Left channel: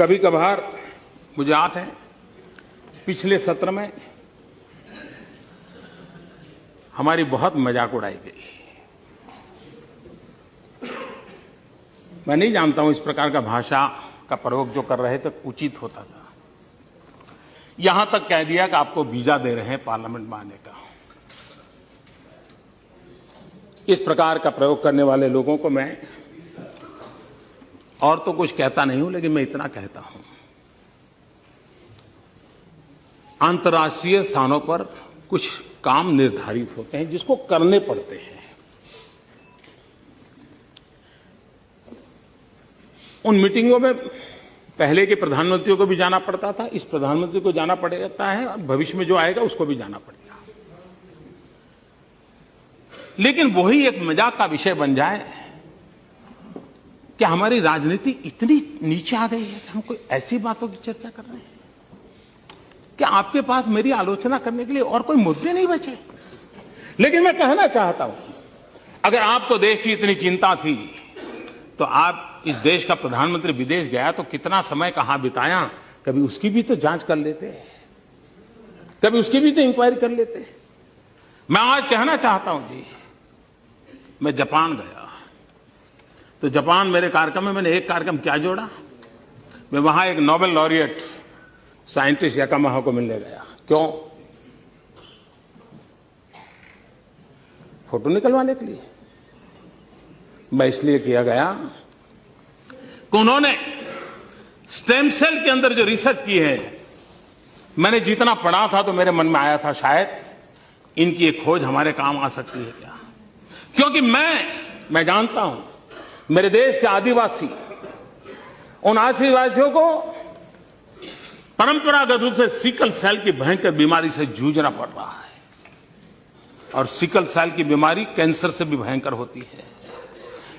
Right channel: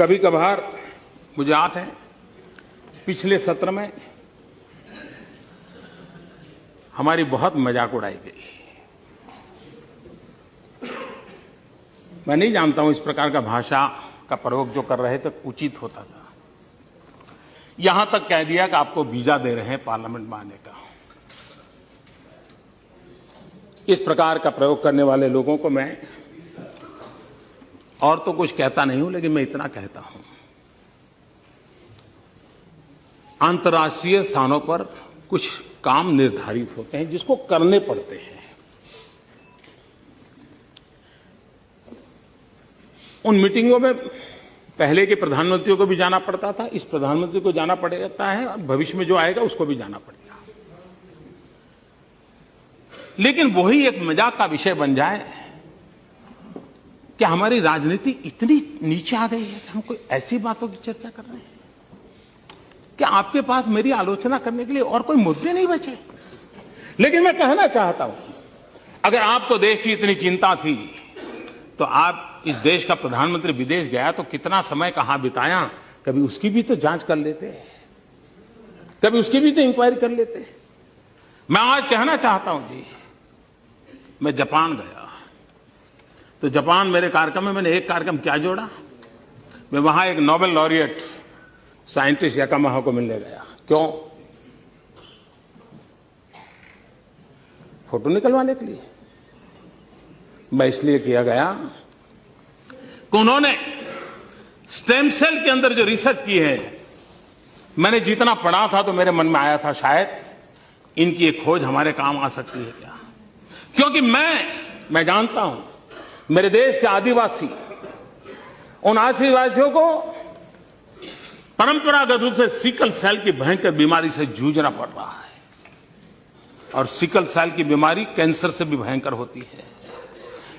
कभी कभार मुझे याद है पिछले सत्र में हमारी बहुत मजाक उड़ाई गई। मैं नहीं जानता हूं इस प्रकार का भाषा का प्रयोग जो कर रहे थे उचित होता था। यहां तक कह दिया कि आपको वीजा दे रहे हैं पार्लियामेंट में आने का। इस प्रकार का प्रयोग करने वाले लोगों को मैं और तो कुछ कहता नहीं हूं, लेकिन मैं इतना कहता हूं, अंतर्राष्ट्रीय स्थानों पर कुछ काम निर्धारित होते हैं जिसको करने पड़ते हैं। उन मीटिंगों में पहले के प्रधानमंत्रियों को भी जाना पड़ता था, इस प्रधानमंत्री को जाना पड़ता है और भविष्य में जो आएगा उसको भी जाना पड़ेगा। लेकिन वही एक मजाक का विषय बन जाए कि हमारी राजनीति इतनी नीचे आ गई है कि हम कोई ऐसी बातों की चर्चा कर रहे हैं कि आपके पास मेरी आलोचना करने के लिए और कोई मुद्दे नहीं बचे। लेकिन मैं कहना चाहता हूं, अगर आपको देश की इतनी चिंता थी तो आप इस देश का प्रधानमंत्री विदेश गया तो कितना समय कहां बिताया, कभी उसकी भी तो जांच कर लेते, कभी उसकी भी तो इंक्वायरी कर लेते। मैं आज कहना चाहता हूं जी, मैं जापान गया तो जापान मेरे कार्यक्रम में मैंने एक कार्यक्रम क्या जोड़ा, मैं वहां एक नोबेल लॉरिएट साइंटिस्ट याकामाहा को मिलने गया। क्यों? फोटो निकलवाने के लिए। मैं इसलिए किया गया कि उन्होंने स्टेम सेल के अंदर जो रिसर्च की है, मैंने जितना पढ़ा था तो मेरे मन में आया था शायद इनकी एक खोज हमारे काम आ सकती है क्या। क्योंकि मैं जानता हूं मेरे देश के आदिवासी, उन आदिवासियों को परंपरागत रूप से सिकल सेल की भयंकर बीमारी से जूझना पड़ रहा है, और सिकल सेल की बीमारी कैंसर से भी भयंकर होती है।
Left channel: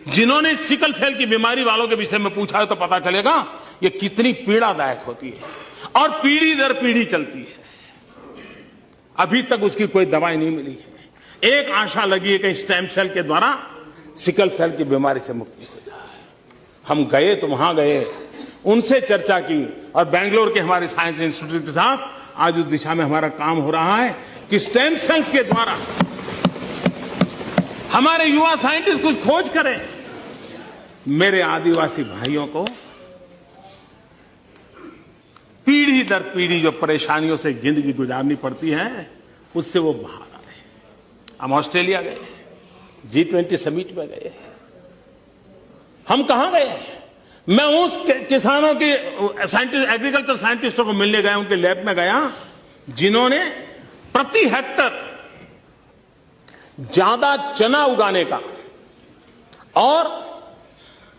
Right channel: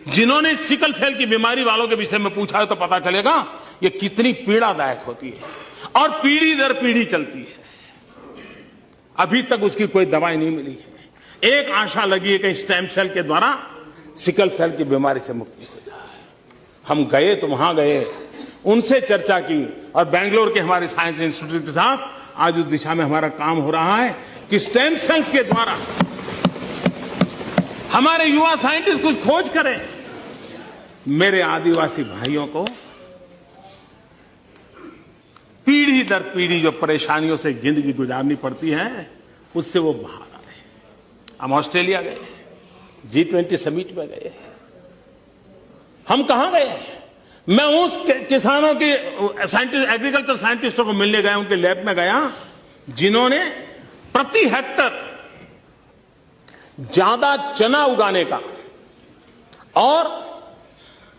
जिन्होंने सिकल सेल की बीमारी वालों के विषय में पूछा है तो पता चलेगा ये कितनी पीड़ादायक होती है और पीढ़ी दर पीढ़ी चलती है। अभी तक उसकी कोई दवाई नहीं मिली है। एक आशा लगी है कि स्टेम सेल के द्वारा सिकल सेल की बीमारी से मुक्ति हो जाए। हम गए तो वहां गए, उनसे चर्चा की, और बेंगलोर के हमारे साइंस इंस्टीट्यूट के साथ आज उस दिशा में हमारा काम हो रहा है कि स्टेम सेल्स के द्वारा हमारे युवा साइंटिस्ट कुछ खोज करें। मेरे आदिवासी भाइयों को पीढ़ी दर पीढ़ी जो परेशानियों से जिंदगी गुजारनी पड़ती है उससे वो बाहर आ रहे। हम ऑस्ट्रेलिया गए, G20 समिट में गए। हम कहां गए? मैं उस किसानों के साइंटिस्ट, एग्रीकल्चर साइंटिस्टों को मिलने गया, उनके लैब में गया जिन्होंने प्रति हेक्टर ज्यादा चना उगाने का और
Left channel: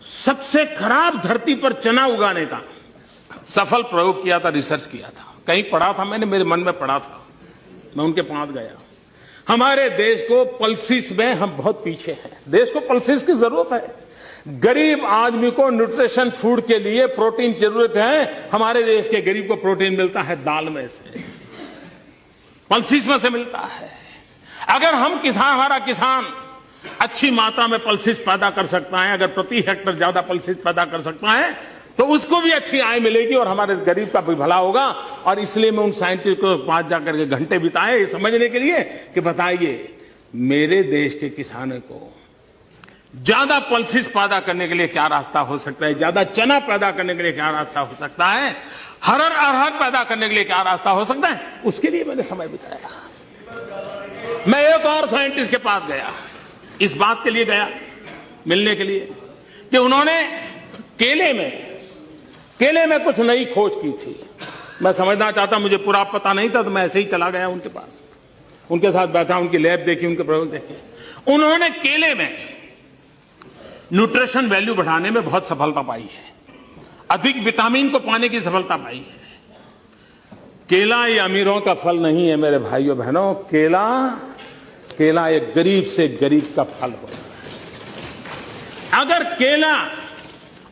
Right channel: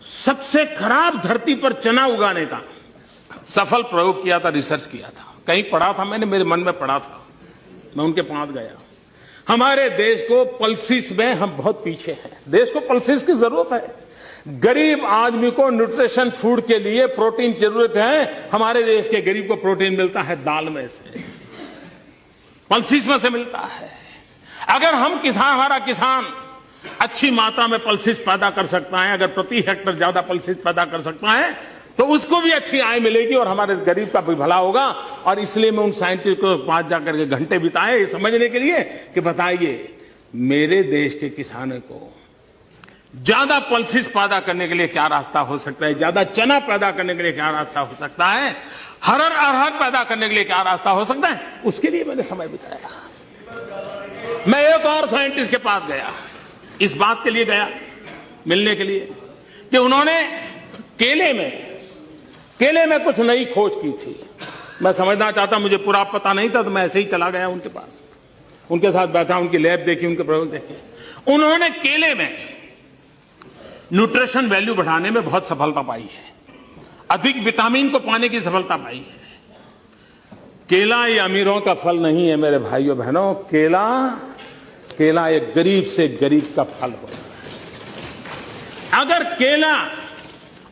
सबसे खराब धरती पर चना उगाने का सफल प्रयोग किया था, रिसर्च किया था। कहीं पढ़ा था मैंने, मेरे मन में पढ़ा था, मैं उनके पास गया। हमारे देश को पल्सिस में हम बहुत पीछे हैं। देश को पल्सिस की जरूरत है। गरीब आदमी को न्यूट्रिशन फूड के लिए प्रोटीन जरूरत है। हमारे देश के गरीब को प्रोटीन मिलता है दाल में से, पल्सिस में से मिलता है। अगर हम हमारा किसान अच्छी मात्रा में पल्सिस पैदा कर सकता है, अगर प्रति हेक्टर ज्यादा पल्सिस पैदा कर सकता है तो उसको भी अच्छी आय मिलेगी और हमारे गरीब का भी भला होगा। और इसलिए मैं उन साइंटिस्ट को पास जाकर के घंटे बिताए ये समझने के लिए कि बताइए मेरे देश के किसानों को ज्यादा पल्सिस पैदा करने के लिए क्या रास्ता हो सकता है, ज्यादा चना पैदा करने के लिए क्या रास्ता हो सकता है, अरहर पैदा करने के लिए क्या रास्ता हो सकता है, उसके लिए मैंने समय बिताया। मैं एक और साइंटिस्ट के पास गया, इस बात के लिए गया मिलने के लिए कि उन्होंने केले में कुछ नई खोज की थी। मैं समझना चाहता, मुझे पूरा पता नहीं था, तो मैं ऐसे ही चला गया उनके पास, उनके साथ बैठा, उनकी लैब देखी, उनके प्रयोग देखे। उन्होंने केले में न्यूट्रिशन वैल्यू बढ़ाने में बहुत सफलता पाई है, अधिक विटामिन को पाने की सफलता पाई है। केला ये अमीरों का फल नहीं है मेरे भाइयों बहनों, केला एक गरीब से गरीब का फल होता है। अगर केला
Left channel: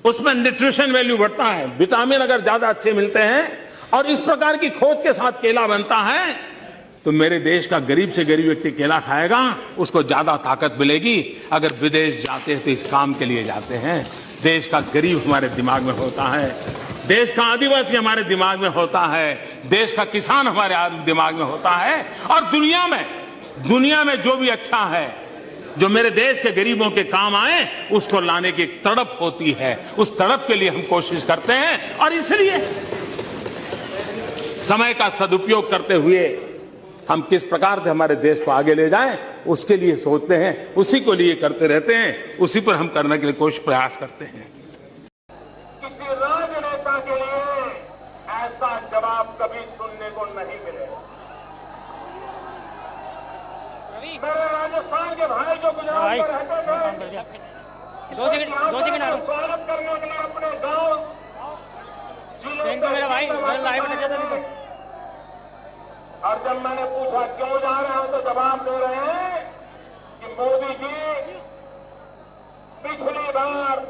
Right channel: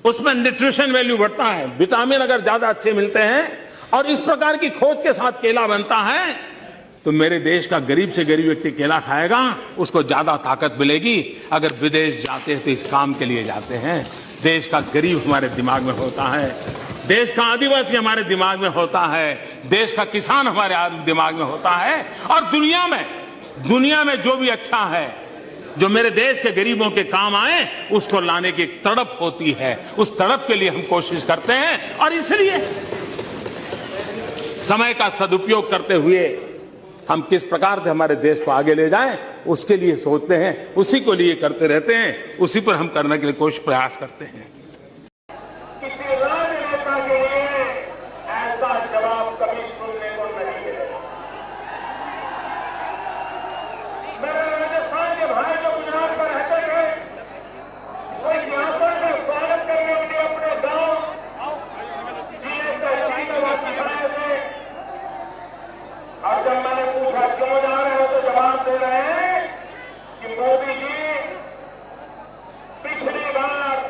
उसमें न्यूट्रिशन वैल्यू बढ़ता है, विटामिन अगर ज्यादा अच्छे मिलते हैं और इस प्रकार की खोज के साथ केला बनता है तो मेरे देश का गरीब से गरीब व्यक्ति केला खाएगा, उसको ज्यादा ताकत मिलेगी। अगर विदेश जाते हैं तो इस काम के लिए जाते हैं। देश का गरीब हमारे दिमाग में होता है। देश का आदिवासी हमारे दिमाग में होता है, देश का किसान हमारे दिमाग में होता है, और दुनिया में जो भी अच्छा है, जो मेरे देश के गरीबों के काम आए, उसको लाने की एक तड़प होती है। उस तड़प के लिए हम कोशिश करते हैं, और इसलिए समय का सदुपयोग करते हुए हम किस प्रकार से हमारे देश को आगे ले जाएं, उसके लिए सोचते हैं, उसी को लिए करते रहते हैं, उसी पर हम करने के लिए कोशिश प्रयास करते हैं। जब मैंने पूछा क्यों जा रहे हो, तो जवाब दे रहे हैं कि मोदी जी पिछली बार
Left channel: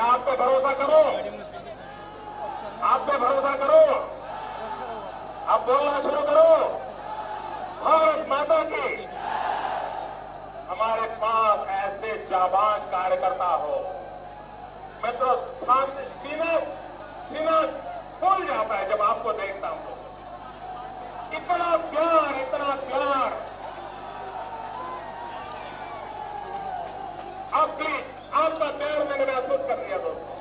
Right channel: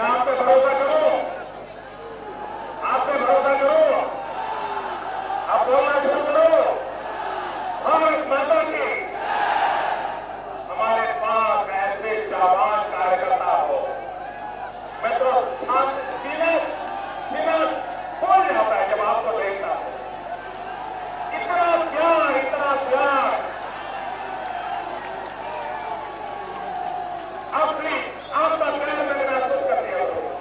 मैं आप पे भरोसा करूं, आप पे भरोसा करूं, आप बोलना शुरू करो। भारत माता की, हमारे पास ऐसे जाबाज कार्यकर्ता हो, मैं तो सीना खोल जाता है जब आपको देखता हूं। इतना प्यार, इतना प्यार। आपका प्यार मैंने महसूस कर दिया होगा।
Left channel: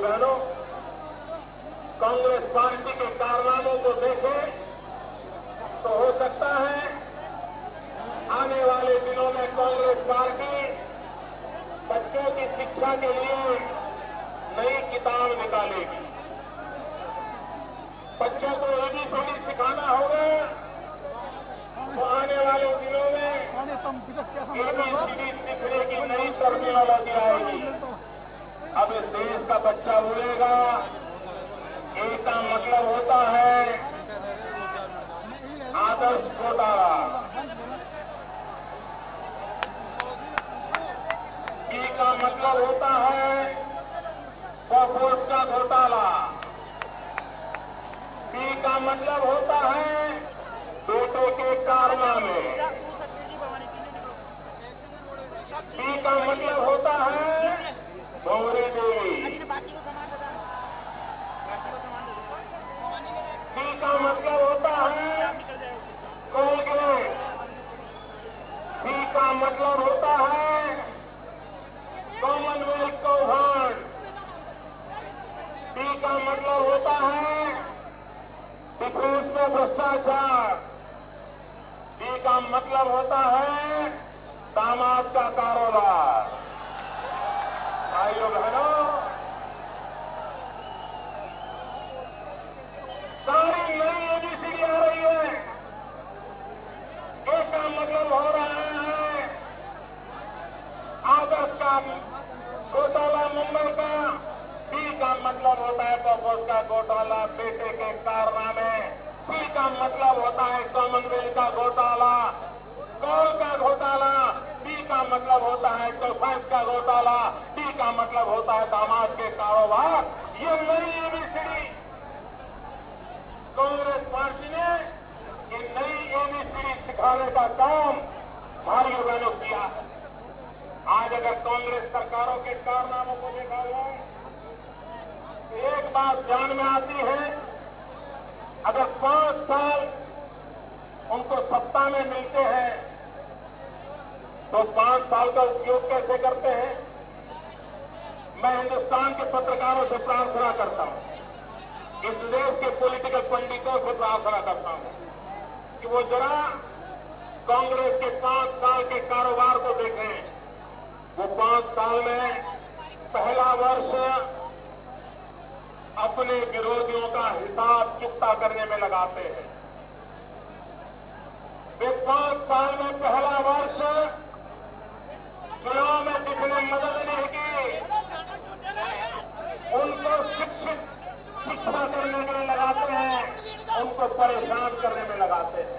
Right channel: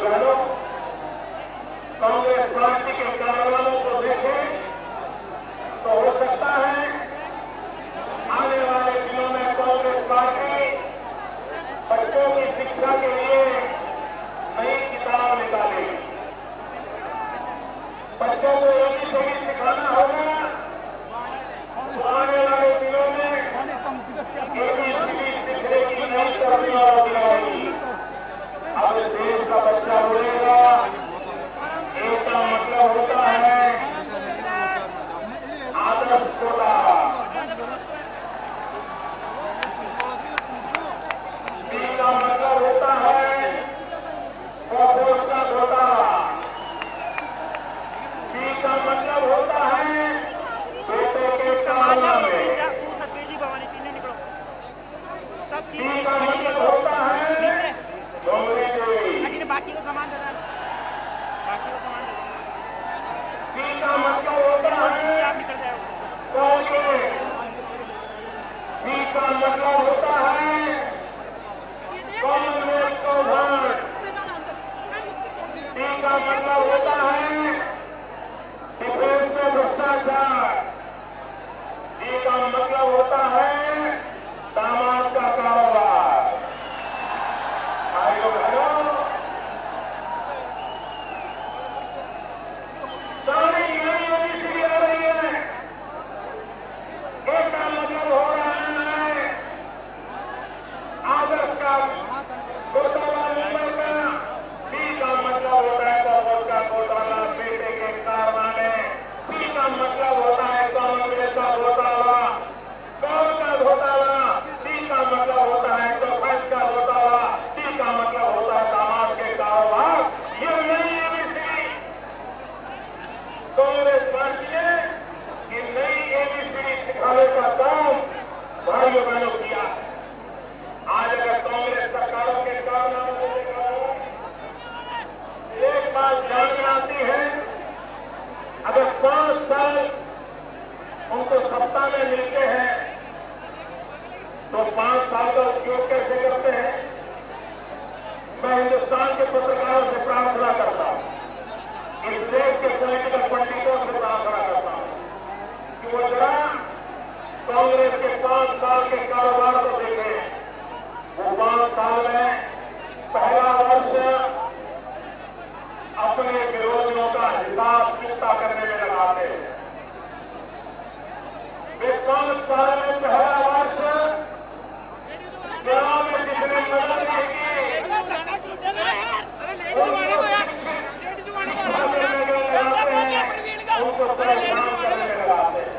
बहनों, कांग्रेस पार्टी के कारनामों को देखें तो हो सकता है आने वाले दिनों में कांग्रेस पार्टी बच्चों की शिक्षा के लिए नई किताब निकालेगी। बच्चों को ABCD सिखाना होगा। आने वाले दिनों में ABCD सीखने की नई तरबियत होगी। अब इस देश का बच्चा बोलेगा, एक का मतलब होता है आदर्श घोटाला, बी का मतलब होता है कॉर्पोरेट का घोटाला, सी का मतलब होता है बेटे के कारोबार में, डी का मतलब होता है गौरी देवी, बाकी को सामान देता है, बाकी को सामान देता है, सी का मतलब होता है आप निकल जाओ। कांग्रेस, डी का मतलब होता है कॉमनवेल्थ का वोट, डी का मतलब होता है डिफेंस में भ्रष्टाचार, डी का मतलब होता है दामाद का कारोबार। भाइयों बहनों, सारी नई ABCD आ रही है। एक का मतलब हो रहा है आदर्श का घोटाला मिलने का, डी का मतलब होता है कॉर्पोरेट का घोटाला, बेटे के कारनामे, सी का मतलब होता है कॉमनवेल्थ का घोटाला, गौर का घोटाला, डी का मतलब होता है डिफेंस का घोटाला, डी का मतलब होता है दामाद के कारोबार। ये नई ABCD कांग्रेस पार्टी ने ये नई ABCD सिखाने का काम भाइयों बहनों किया। आज अगर कांग्रेस सरकारों के कारनामों को देखा हो, एक बात ध्यान में आती है, अगर 5 साल उनको सत्ता में मिलते हैं तो 5 साल का उपयोग कैसे करते हैं। मैं हिंदुस्तान के पत्रकारों से प्रार्थना करता हूं, इस देश के पॉलिटिकल पंडितों से प्रार्थना करता हूं कि वो जरा कांग्रेस के 5 साल के कारोबार को देखें। वो 5 साल में पहला वर्ष अपने विरोधियों का हिसाब चुकता करने में लगाते हैं। वे 5 साल में पहला वर्ष गांव में जितने मदद रहेगी उनको परेशान करने में लगाते हैं।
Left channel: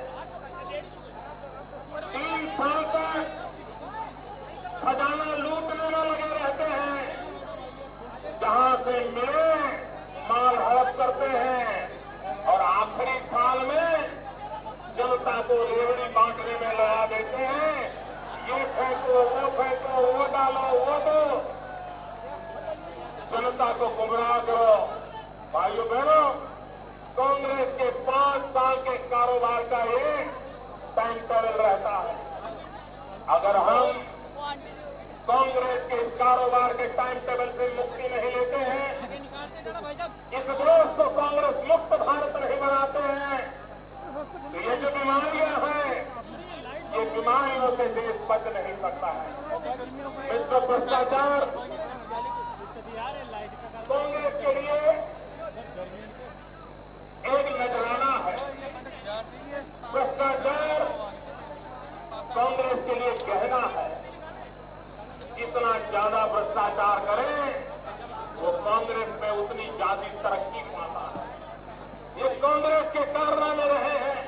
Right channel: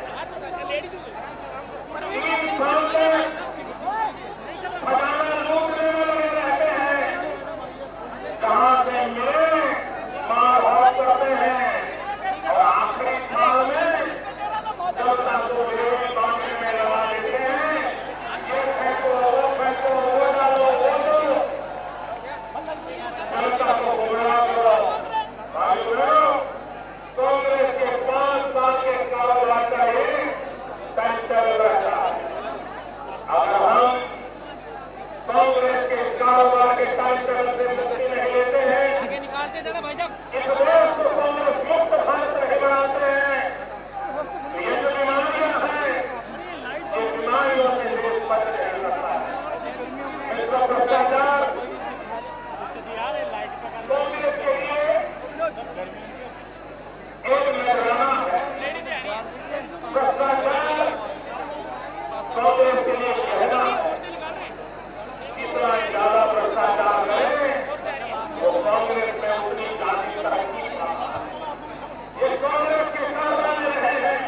3 साल में खजाना लूटने में लगे रहते हैं, जहां से मिले मार भाग करते हैं, और आखिरी साल में जनता को विरोधी बांटने में लगा देते हैं। ये फेंको, वो फेंको, वो डालो, वो दो, जनता को गुमराह करो। भाइयों बहनों, कांग्रेस के 5 साल के कारोबार का ये सेंट्रल रहता है। अगर हम कांग्रेस के कारोबार के टाइम टेबल से मुक्ति नहीं लेते हैं, आगे निकालते जाना भाई साहब। इस देश को कांग्रेस मुक्त भारत नहीं बनाते हैं, तो ये जो बीमारियां हैं, ये बीमारियों से देश बच नहीं सकता है। इसको भ्रष्टाचार कांग्रेस के लिए एक नजराना है। भ्रष्टाचार कांग्रेस के लिए कहना है। जितना ज्यादा भ्रष्टाचार करे वो कांग्रेस में उतनी ज्यादा तरक्की पाता। ये कांग्रेस के कारनामे रहे हैं।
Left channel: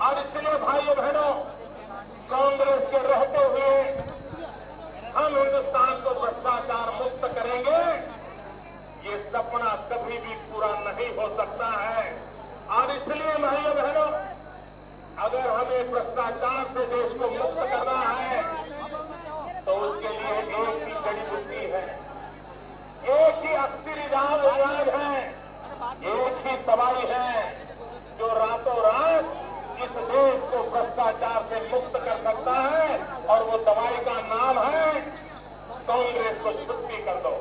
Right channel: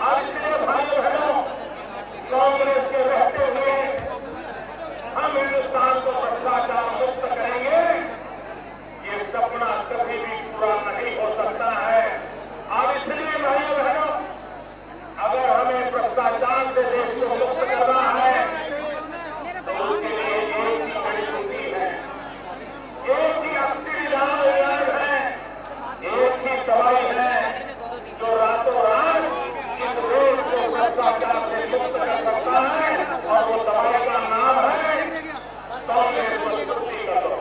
और इसलिए भाइयों बहनों, कांग्रेस के रहते हुए हम हिंदुस्तान को भ्रष्टाचार मुक्त करेंगे, ये सपना कभी भी पूरा नहीं हो सकता है। और इसलिए भाइयों बहनों, अगर हमें भ्रष्टाचार से देश को मुक्त करना है तो उसके लिए एक ही घड़ी छुट्टी है, एक ही अक्सर इलाज है, एक ही दवाई है जो रातों रात इस देश को भ्रष्टाचार से मुक्त कर सकता है। और वो दवाई का नाम है कांग्रेस को छुट्टी करो।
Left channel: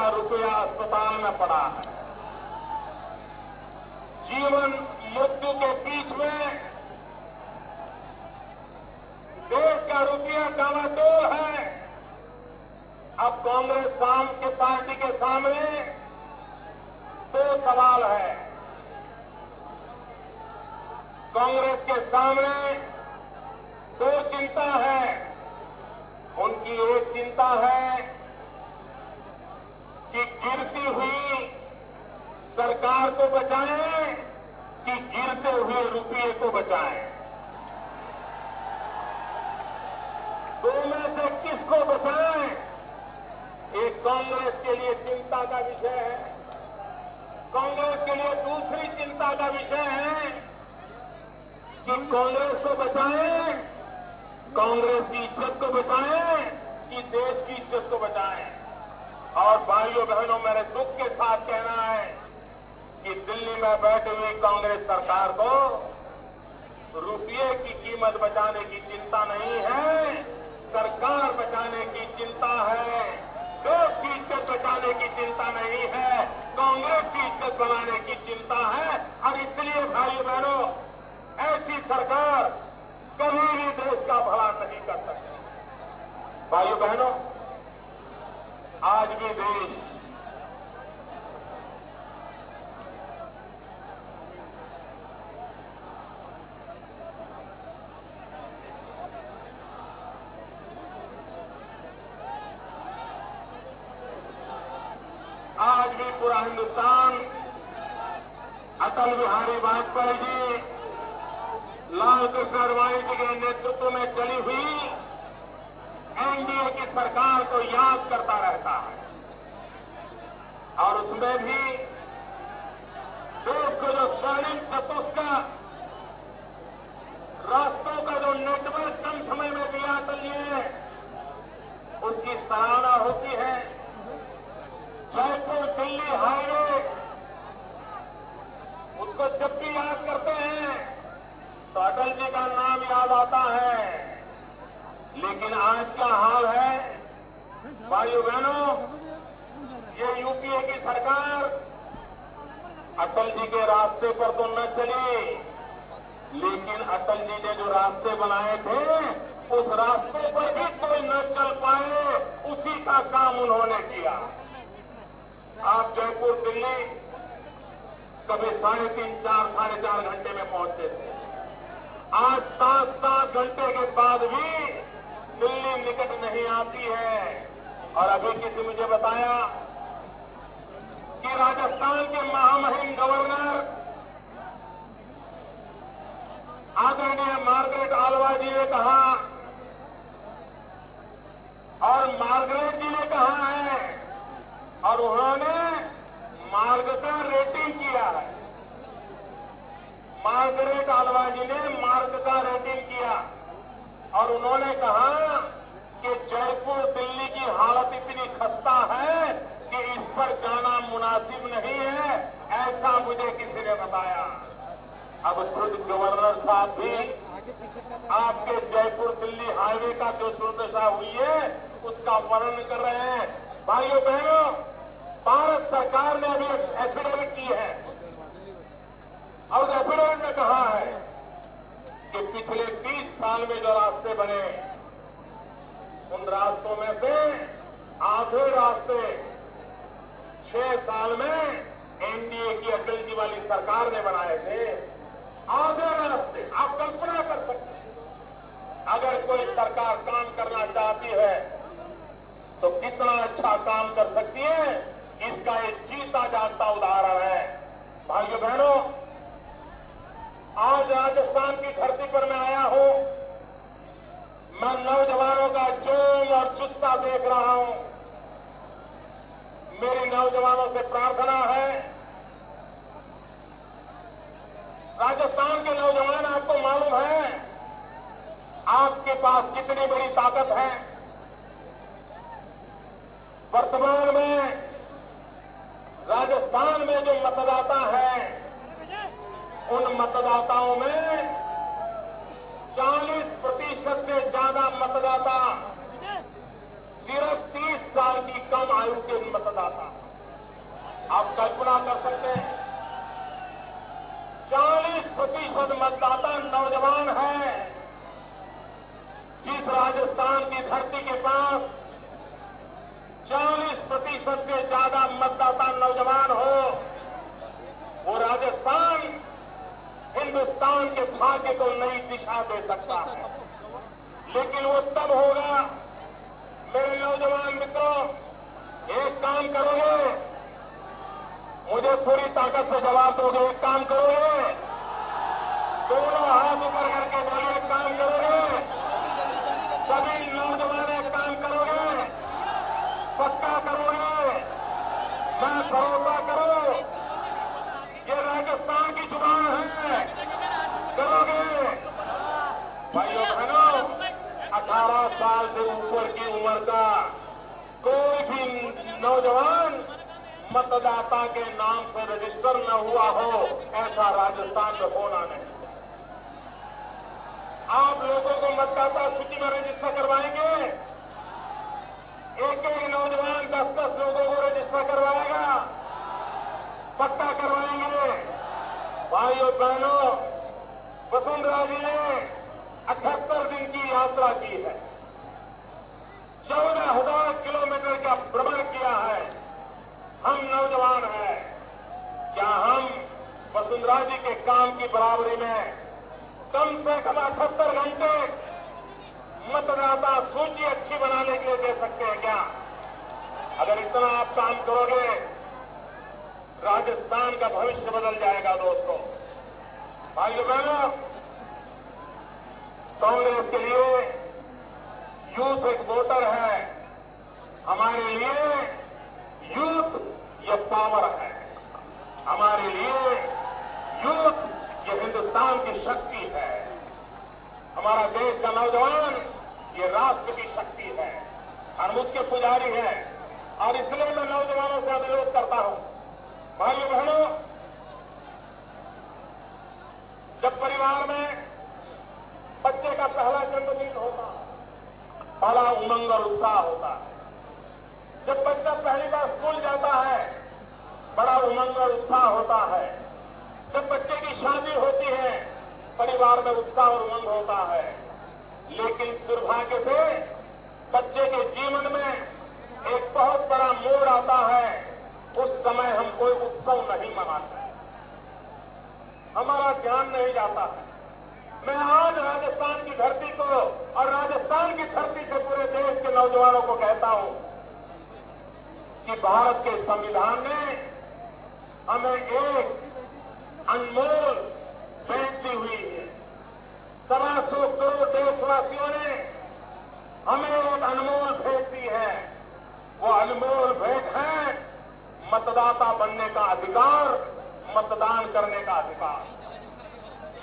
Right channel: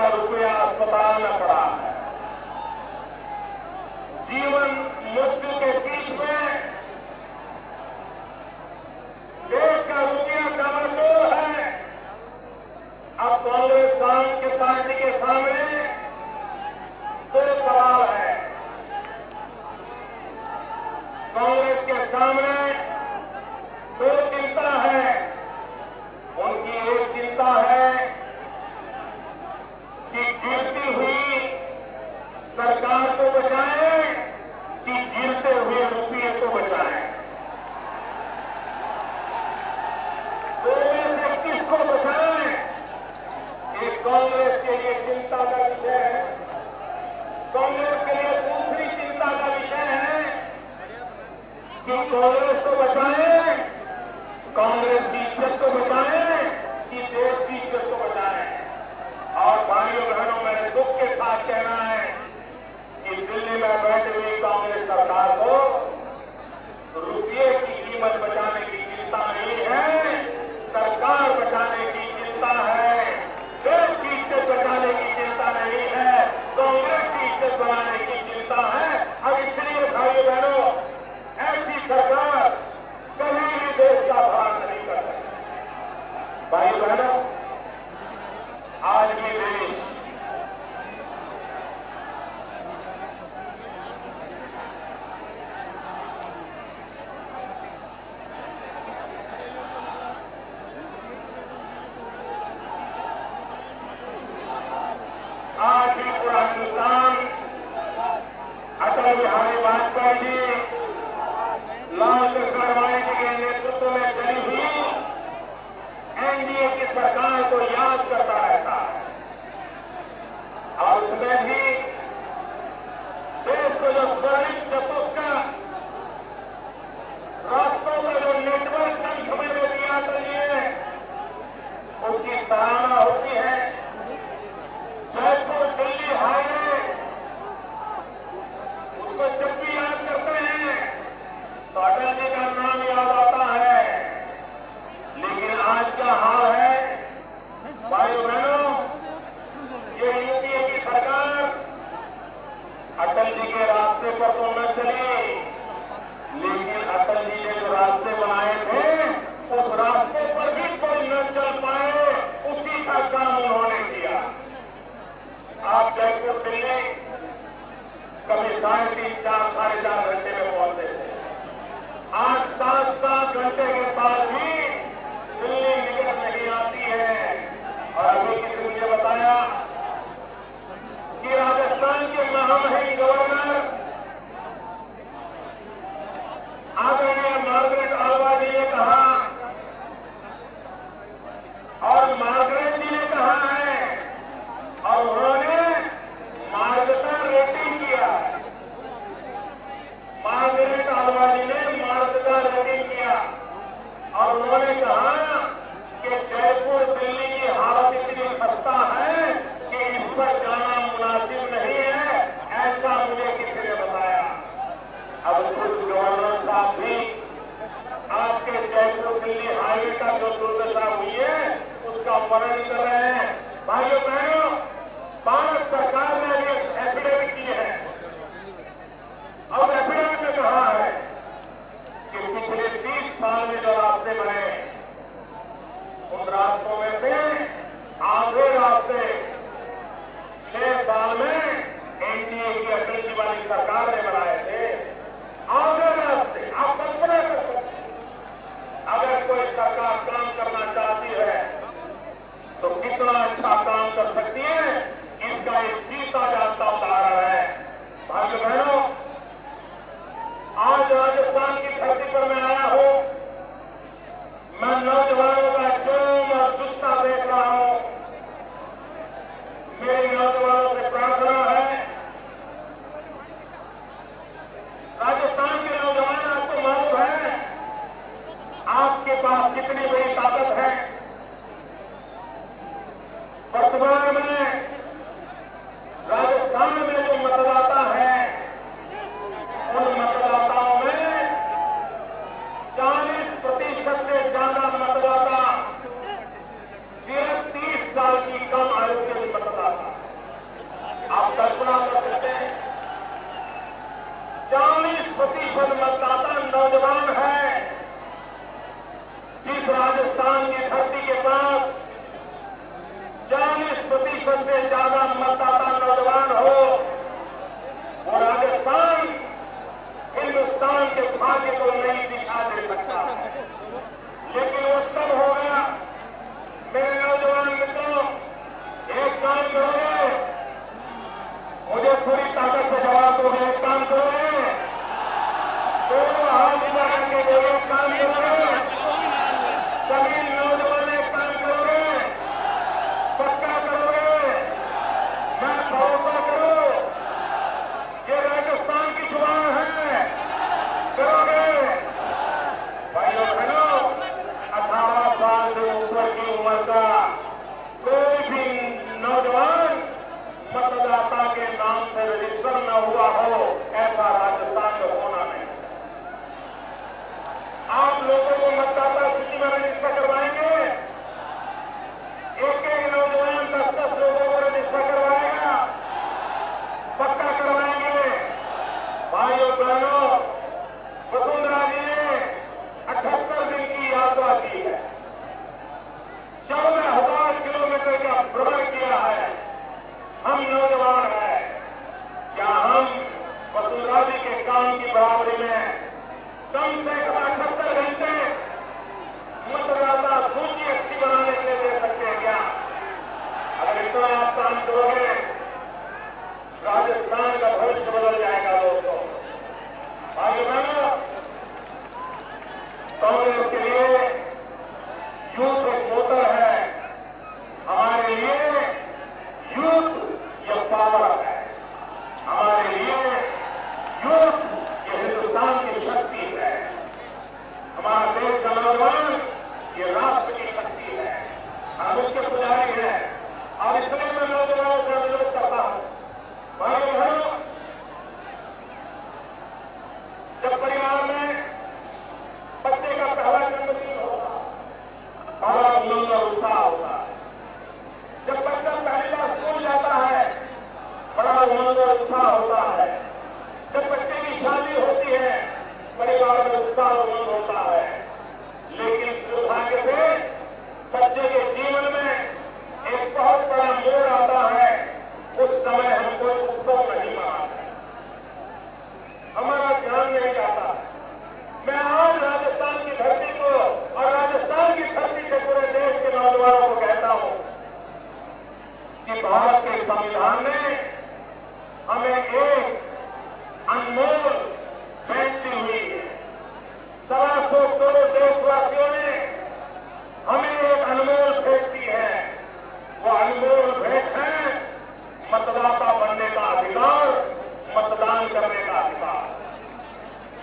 का रुपया अस्पताल में पड़ा है। जीवन मृत्यु के बीच में देश का रुपया डमाडोल है। अब कांग्रेस के पार्टी के सामने दो सवाल है। कांग्रेस के सामने दो चिंता है। उनकी एक चिंता है कि गिरती हुई सरकार को बचाएं कि गिरते हुए रुपये को बचाएं। दो में से किसको बचाएं? एक कांग्रेस के लिए चिंता का विषय है। कांग्रेस के लिए दूसरी चिंता का विषय है कि कांग्रेस को बचाएं, कांग्रेस की इज्जत को बचाएं कि देश की इज्जत को बचाएं। और भाइयों बहनों, मैंने दुख के साथ कहना है कि दिल्ली में बैठी हुई कांग्रेस सरकार को रुपये की कीमत बचाने की चिंता नहीं है, सरकार बचाने की चिंता है। देश की इज्जत बचाने की चिंता नहीं है, कांग्रेस की इज्जत बनाने की चिंता है। अब इसलिए भाइयों बहनों, ऐसी सरकार कभी भी देश का भला नहीं कर सकती। भाइयों बहनों, आज भी देश आज भी पूरा हिंदुस्तान अटल बिहारी वाजपेयी जी, लाल कृष्ण आडवाणी जी के नेतृत्व में चली हुई एनडीए की सरकार को याद करता रहता है। और उसमें भी देश को जो स्वर्णिम चतुष्क रास्तों का जो नेटवर्क कम समय में दिया चाहिए, उसकी सराहना होती है। जयपुर दिल्ली हाईवे, उसको जब भी याद करते हैं तो अटल जी का नाम याद आता है। लेकिन आज क्या हाल है भाइयों बहनों, ये यूपीए की सरकार अटल जी के रास्ते पर तो न चली, लेकिन अटल जी ने जो रास्ते बनाए थे उस रास्ते पर भी कोई न चल पाए, उसी का काम उन्होंने किया। आप जयपुर दिल्ली कभी 3.5, 4, 4.5 घंटे में पहुंचते थे। आज 7-7 घंटे के बाद भी दिल्ली निकल नहीं आती है। और अभी किसी ने मुझे बताया कि राजस्थान के महामहिम गवर्नर आदरणीय मार्गरेट आलवा जी ने कहा, और मार्गरेट जी ने कहा है, और उन्होंने मार्ग का रेटिंग किया। मार्गरेट आलवा जी ने मार्ग का रेटिंग किया और उन्होंने कहा कि जयपुर दिल्ली की हालत इतनी खस्ता है कि इस पर जाना मुनासिब नहीं है, ऐसा मुझे किसी ने बताया। अब खुद गवर्नर साहब भी आपके जयपुर दिल्ली हाईवे का जो दुर्दशा हुई है उसका वर्णन कर रहे हैं। भाइयों बहनों, भारत सरकार ने अभी एफिडेविट की है और एफिडेविट में कहा है कि पिछले 30 साल में जो रास्ते बने, उन रास्तों में से आधे रास्ते 6 साल में एनडीए की अटल जी वाली सरकार ने बनाए थे। आधे रास्ते आप कल्पना कर सकते हैं। अगर कोई सरकार काम करना चाहती है तो कितना अच्छा काम कर सकती है, इसका एक जीता जाता उदाहरण है। भाइयों बहनों, आज राजस्थान की धरती पर मैं आया हूं। मैं नौजवानों का जोम और जुस्सा देख रहा हूं। मेरे नौजवानों से प्रार्थना है, राजस्थान के नौजवान, आपको मालूम है आपके पास कितनी बड़ी ताकत है। वर्तमान में राजस्थान में जो मतदाता है, उन मतदाताओं में 40% से ज्यादा मतदाता सिर्फ 30 साल की कम आयु के मतदाता। मतदाता के नाम से रजिस्टर न हुआ हो, ऐसा राजस्थान में होना नहीं। आप लोगों को मतदाता सूची में रजिस्टर करवाएंगे, एक एक नौजवान 10-10 लोगों को रजिस्टर करवाएगा, पक्का करवाएंगे। भाइयों बहनों, वसुंधरा जी ने 78 दिन की यात्रा की है, 14,000 किलोमीटर का भ्रमण किया है। हम नौजवान हैं, क्या हम वसुंधरा जी के काम की बराबरी में कम से कम 78 घंटे मतदाता सूची अच्छी बनाने के लिए दे सकते हैं क्या? अगर इतना आप काम करोगे, राजस्थान का भविष्य बदल जाएगा। दोस्तों, आगे बढ़ो। कांग्रेस के लिए यूथ एक वोटर है, हमारे लिए यूथ ये पावर है, हमारे लिए यूथ ये हिंदुस्तान की शक्ति है, हमारा देश का नौजवान ये राष्ट्र की शक्ति है। हम उसके पुजारी हैं और इसलिए मैं नौजवानों से अनुरोध करता हूं, भाई बहनों, जब परिवार में बच्चे का पहला जन्मदिन होता, बड़ा उमंग और उत्साह होता है। जब बच्चा पहली बार स्कूल जाता है, बड़ा उमंग और उत्साह होता है। जब बच्चे की शादी होती है, परिवार में उत्साह और उमंग होता है। लेकिन दुर्भाग्य से बच्चे के जीवन में एक बहुत बड़ा मोड़ आता है, उस समय हम कोई उत्सव नहीं मनाते, हमारा ध्यान नहीं जाता है। मैं आज राजस्थान की धरती को और राजस्थान की धरती से पूरे देश के नौजवानों को कहता हूं कि भारत के संविधान ने हमें एक अनमोल भेंट दी हुई है। 125 करोड़ देशवासियों ने हमें एक अनमोल भेंट दी है। वो अनमोल भेंट है मतदाता बनने का अधिकार, मतदान करने का अधिकार।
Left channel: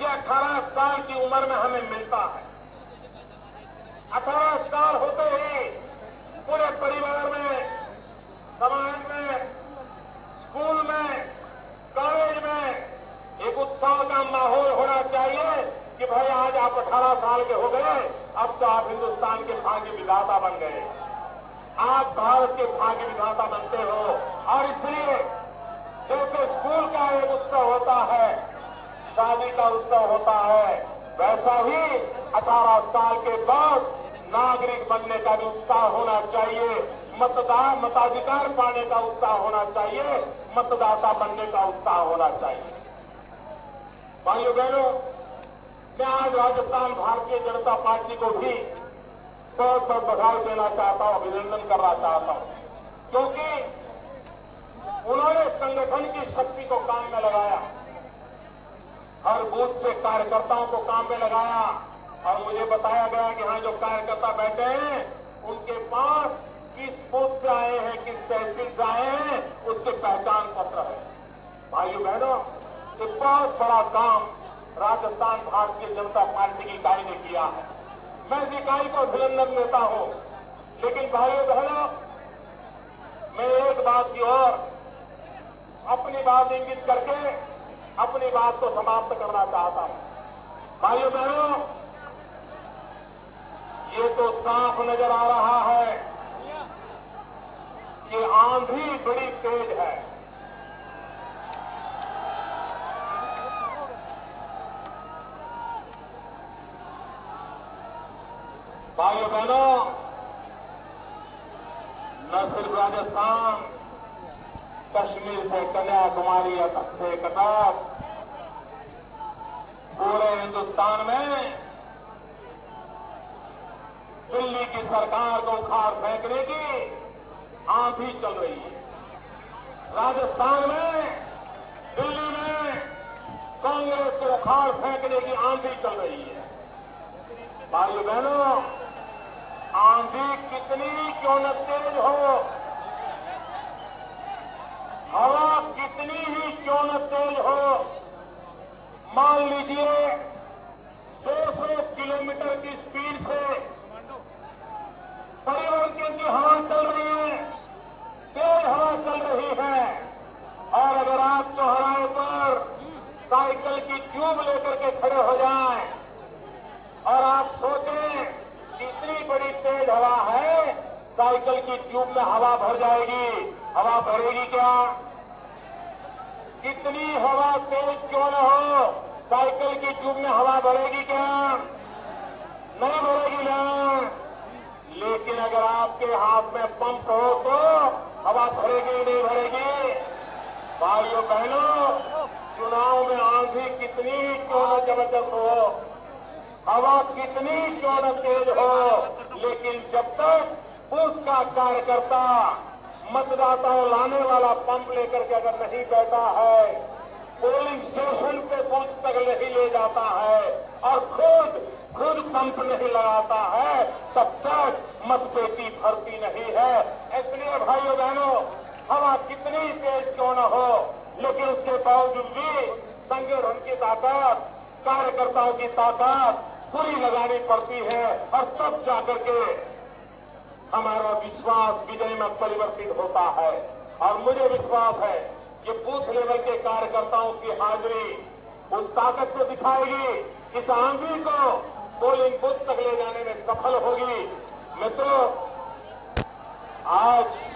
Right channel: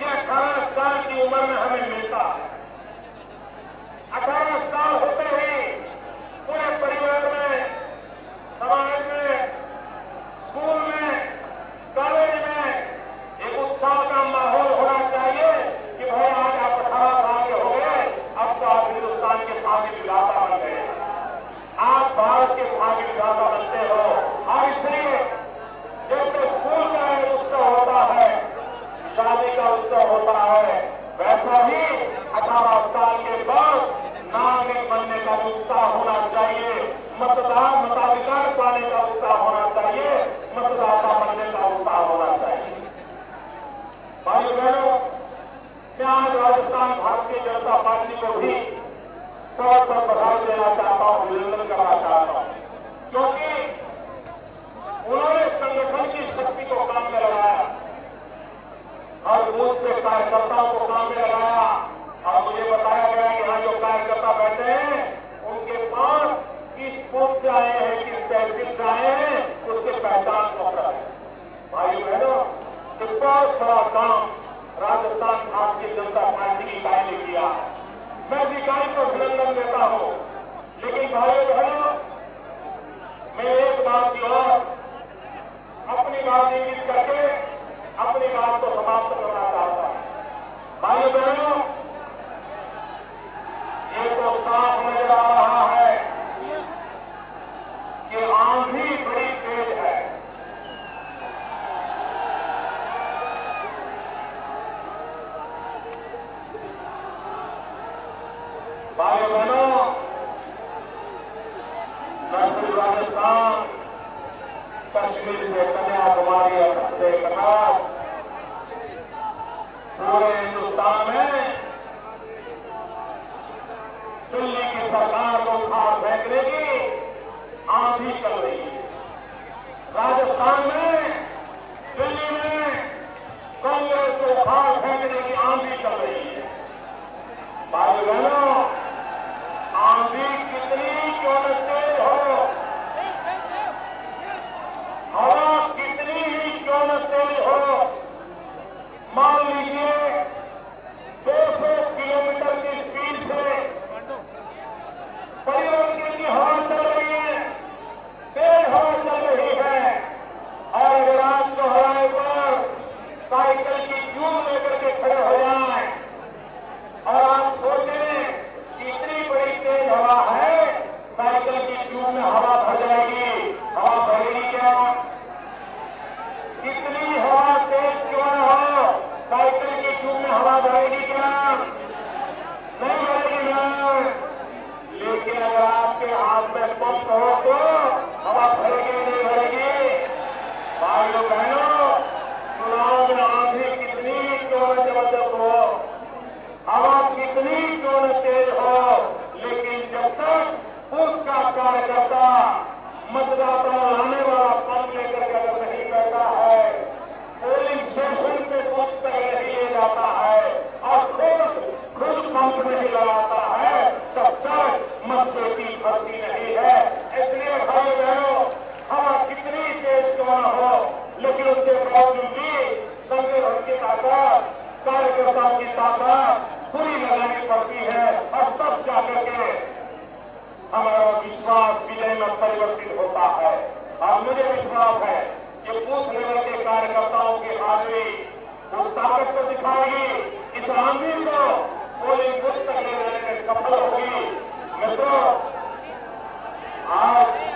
ये 18 साल की उम्र में हमें मिलता है। 18 साल होते ही पूरे परिवार में, समाज में, स्कूल में, कॉलेज में एक उत्साह का माहौल होना चाहिए कि भाई आज आप 18 साल के हो गए, अब तो आप हिंदुस्तान के भाग्य विधाता बन गए, आप भारत के भाग्य विधाता बनते हो। और इसलिए जैसे स्कूल का एक उत्सव होता है, शादी का उत्सव होता है, वैसा ही 18 साल के बाद नागरिक बनने का उत्साह होना चाहिए, मताधिकार पाने का उत्साह होना चाहिए, मतदाता बनने का उत्साह होना चाहिए। भाइयों बहनों, मैं आज राजस्थान भारतीय जनता पार्टी को भी बहुत बहुत बधाई देना चाहता हूं, अभिनंदन करना चाहता हूं, क्योंकि उन्होंने संगठन की शक्ति को काम में लगाया और बूथ से कार्यकर्ताओं को काम में लगाया। और मुझे बताया गया कि यहाँ जो कार्यकर्ता बैठे हैं, उनके पास किस बूथ से आए हैं, किस तहसील से आए हैं, उसके पहचान पत्र है। भाई बहनों, एक बहुत बड़ा काम राजस्थान भारतीय जनता पार्टी की इकाई ने किया। मैं इस इकाई को अभिनंदन देता हूं, लेकिन भाइयों बहनों, मैं एक बात की और अपनी बात इंगित करके अपनी बात को समाप्त करना चाहता हूं। भाइयों बहनों, ये तो साफ नजर आ रहा है कि आंधी बड़ी तेज है। भाइयों बहनों, न सिर्फ राजस्थान, कश्मीर से कन्याकुमारी से कनार, पूरे हिंदुस्तान में दिल्ली की सरकार को उखाड़ फेंकने की आंधी चल रही है। राजस्थान में, दिल्ली में कांग्रेस को उखाड़ फेंकने की आंधी चल रही है। भाई बहनों, आंधी कितनी क्यों न तेज हो, हवा कितनी ही क्यों न तेज हो, मान लीजिए 200 किलोमीटर की स्पीड से परिवर्तन की हवा चल रही है, तेज ताकत पूरी लगानी पड़ती है और तब जाकर के हमारा विश्वास विजय में परिवर्तित होता है। और मुझे विश्वास है कि बूथ लेवल के कार्यकर्ताओं की हाजिरी उस ताकत को दिखाएगी, इस आंधी को पोलिंग बूथ तक ले जाने में सफल होगी। मित्रों, आज